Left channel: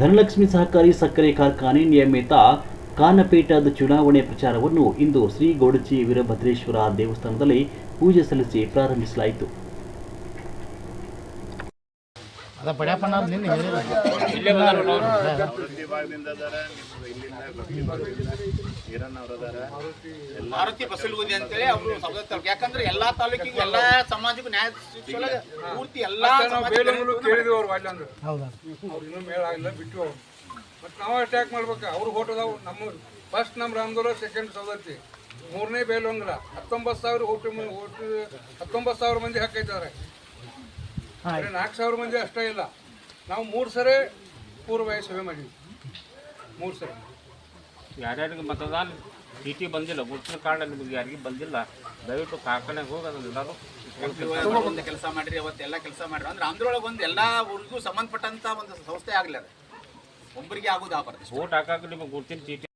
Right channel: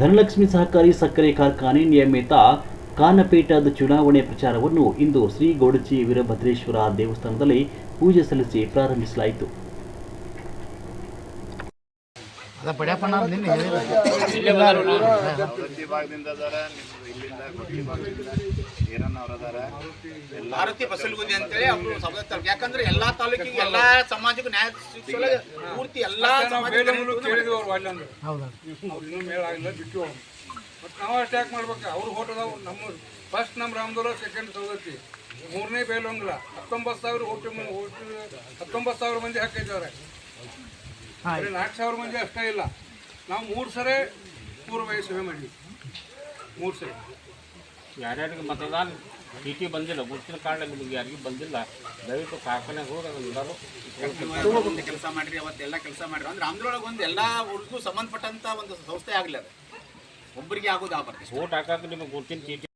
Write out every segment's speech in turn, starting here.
ಧನಲಕ್ಷ್ಮಿ ಸಹಕಾರಿ ಸಕ್ಕರೆ ಕಾರ್ಖಾನೆ ನಿಯಮಿತ ಕಾನಪೇಟದ ಚುನಾವಣೆ ಪ್ರಚಾರವನ್ನು ಇಂದು ಶ್ರೀ ಗೋಡಚಿ ವೀರಭದ್ರೇಶ್ವರ ದೇವಸ್ಥಾನದಲ್ಲಿ ಪೂಜೆ ಸಲ್ಲಿಸಿ ಪ್ರಾರಂಭಿಸಲಾಯಿತು. ಮಾರುತಿ ಬಸಲಗುಂದಿ ಅಂತೇಳಿ ಅವರು ಯಾಕಂದ್ರೆ ಎಲ್ಲಾ ತಾಲೂಕಿಗೆ ಎಲ್ಲಾ ಸಮಾಜಕ್ಕೂ ನ್ಯಾಯ ಪೂರ್ತಿ ಎಲ್ಲಾ ಕೇಳಿದ್ವಿ ಅವ್ರು ಅಲ್ಲಿ ಅಂದ್ರೆ ಅವ್ರು ಇನ್ನೂ ಮೇಳ ಆಗಿಲ್ಲ ಬಿಟ್ಟು ಬಟ್ ನಾವು ಅಷ್ಟು ಯಾಕೆ ಮಾಡ್ಬೇಕು ಅವ್ರು ಹೋಟದಾವ್ ನಮ್ಮ ಫಸ್ಟ್ ನಮ್ಮ ರಾಮದೂರ ಸೆಕೆಂಡ್ ಸವದತ್ತಿ ಮೂರನೇ ಬೇಲೊಂಗಲ 19,000 ಓಟು 19,000 ಮಂದಿ ಹಾಕೈತಾರೆ. ಬರೀ 4,000 ಮಂದಿ ಅಷ್ಟೇ ಇಲ್ಲ. ನಾವು 3 ಸರಿ ಪೂರ್ವಭಾವಿ ಸಭೆ ಮಾಡಿದ್ವಿ. 3 ಸರಿ ಯಾರ್ಯಾರಿಗೆ ಮತದಾನ ಚೀಟಿ ಬಂದಿಲ್ಲ, ಗುರುತಿನ ಕಾರ್ಡ್ ನಿಮಗೆ ಯಾರಿಗೂ ಬಂದಿಲ್ಲ, ದಯವಿಟ್ಟು ಕಾರ್ಖಾನೆಗೆ ಹೋಗಿ ಅದನ್ನೆಲ್ಲರೂ ಒಂದು ಕೆಲಸ ಮಾಡಿರಿ. ಅವತ್ತೆಲ್ಲ ಕೆಲಸ ಮಾಡಿರಿ ಅಂದ್ರೆ ಅಂದ್ರೊಳಗೆ ಒಂದು ಎಲ್ಲ ಊರಿಗೂ ಸಂಬಂಧಪಟ್ಟಂತ ಒಂದು ಸಂಸ್ಥೆ ಆಗಲಿ, ಅದು ಒಬ್ಬರಿಗೆ ಆಗೋದು ಆಗ್ಬಾರ್ದು. ಓಟ್ ಹಾಕಕ್ಕೆ ನಿಮಗೆ ಗುರುತಿನ ಚೀಟಿ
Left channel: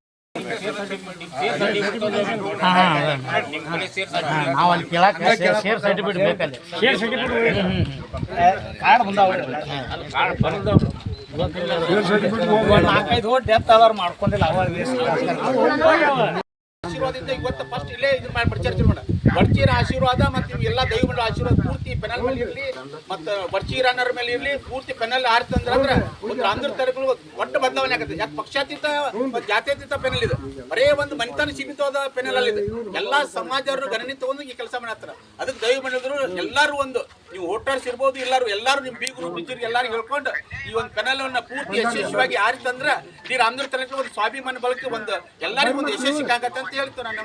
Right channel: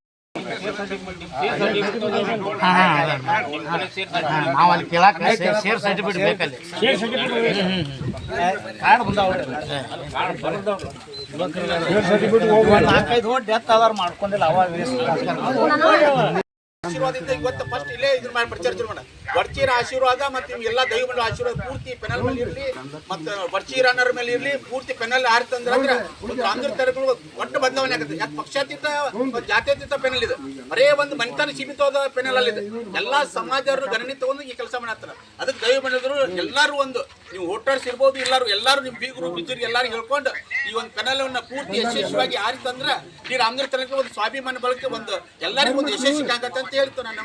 ಆಶೀರ್ವಾದದಿಂದ ಇವತ್ತು ಫಸ್ಟ್ ಇಲ್ಲೇ ಇದನ್ನ ಮಾಡಿ ಪ್ರಚಾರ ಶುರು ಮಾಡ. ಬಡ್ಚೀರ ಆಶೀರ್ವಾದ ಮತ್ತು ಎಲ್ಲ ದೈವಗಳ ಆಶೀರ್ವಾದ ಪೂರ್ತಿ ಪೆನಲ್ ಮೇಲೆ ಇರಲಿ, ಮತ್ತು ಬಡ್ಚೀರ ಅನ್ನೋರ ಮೇಲೆ ಇರಲಿ, ಪೂರ್ತಿ ಪೆನಲ್ ಆರ್ತಂದ್ರೆ ರಾಮದ್ರ ತರಗಳು ಒಟ್ಟು ಬದಲಾವಣೆ ಆಗುತ್ತೆ. ಯಾಕೆ ಪಕ್ಷಾತೀತ ಜಾತ್ಯತೀತ ಪೆನಲ್ ಇದೆ, ಬರೇ ಒಂದು ಮನೆತನ ಸೀಮಿತವಾದ ಪೆನಲ್ ಅಲ್ಲಿ ಇದೆ. ಎಲ್ಲಾ ಸಮಾಜರು ಗಣನೆ ತಗೊಂಡು ಈ ಕೆಲಸ ಮಾಡತ್ತಾರ. ಅದಕ್ಕೆ ದೈವ ಬಂದಿದ್ರು ಎಲ್ಲರೂ ಒಂದು ನೀವು ವೋಟರ್ಸ್ ಇರ್ಬೋದು, ಎಲ್ಲರೂ ನಿಮ್ಮ ಬೀಗರು ಬಿಜ್ಜರಿಗೆ ಎಲ್ಲರೂ ಹೇಳ್ಕೊಂಡು ಈ ಒಂದು ಪೆನಲ್ ಪೂರ್ತಿ ಯಶಸ್ವಿಯಾಗಿ ಆರಿತಂದ್ರೆ ಈ ರಾಮದ್ರ ತನಕ ಒಂದು ಸ್ವಾಭಿಮಾನ ಬಳಕೆ ಒಂದು ಎಲ್ಲರಿಗೂ ಒಂದು ಯಶಸ್ವಿ ಆಗತ್ತೆ ಅಂತ ಹೇಳ್ತೇನೆ ನಾನು.